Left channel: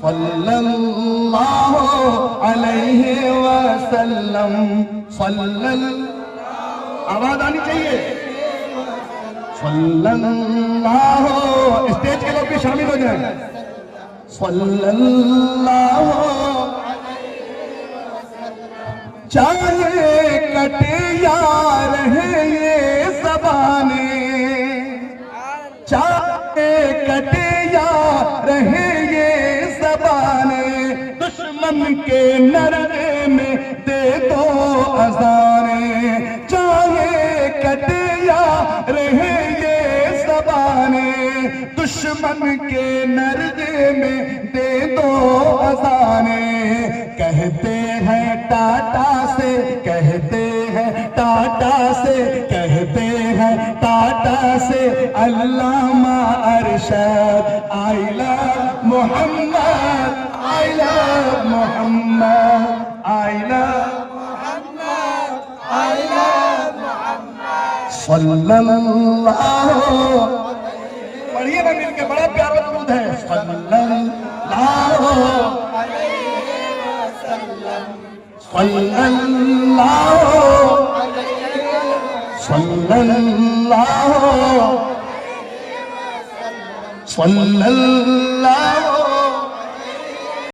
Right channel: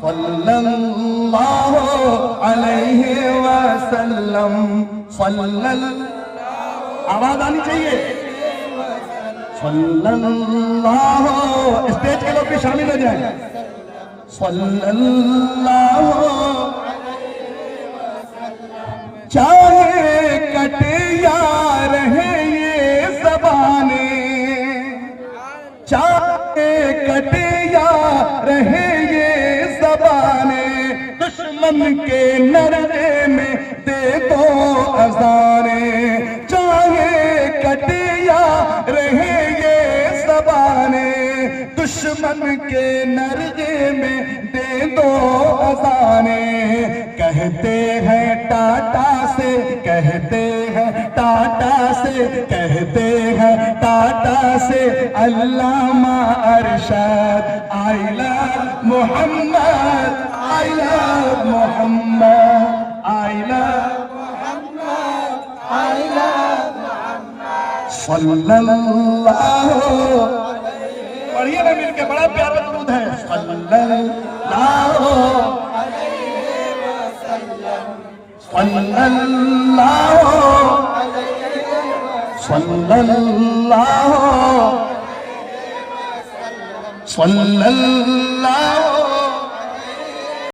सल्लल्लाहु अलैहि वसल्लम। आवाज आनी चाहिए। सल्लल्लाहु, स्टेज के लोग भी शामिल हो जाए। सल्लल्लाहु, चाहे कटे या रहे ये ज़बाने, चाहे कटे या रहे ये ज़बाने, दुश्मन के नरने में दे दो अज़ाने। चाहे कटे या रहे ये ज़बाने, दुश्मन के नरने में दे दो अज़ाने। कहते हैं टाटा से, कहते हैं टाटा से, कहते हैं टाटा से अल्लामा Arshad. I love Mohammad, I love Mohammad, I love Mohammad, I love Mohammad. सल्लल्लाहु, पढ़िए ना मिलके, बड़ा प्यारा दुरूद है। सल्लल्लाहु सल्लल्लाहु सल्लल्लाहु सल्लल्लाहु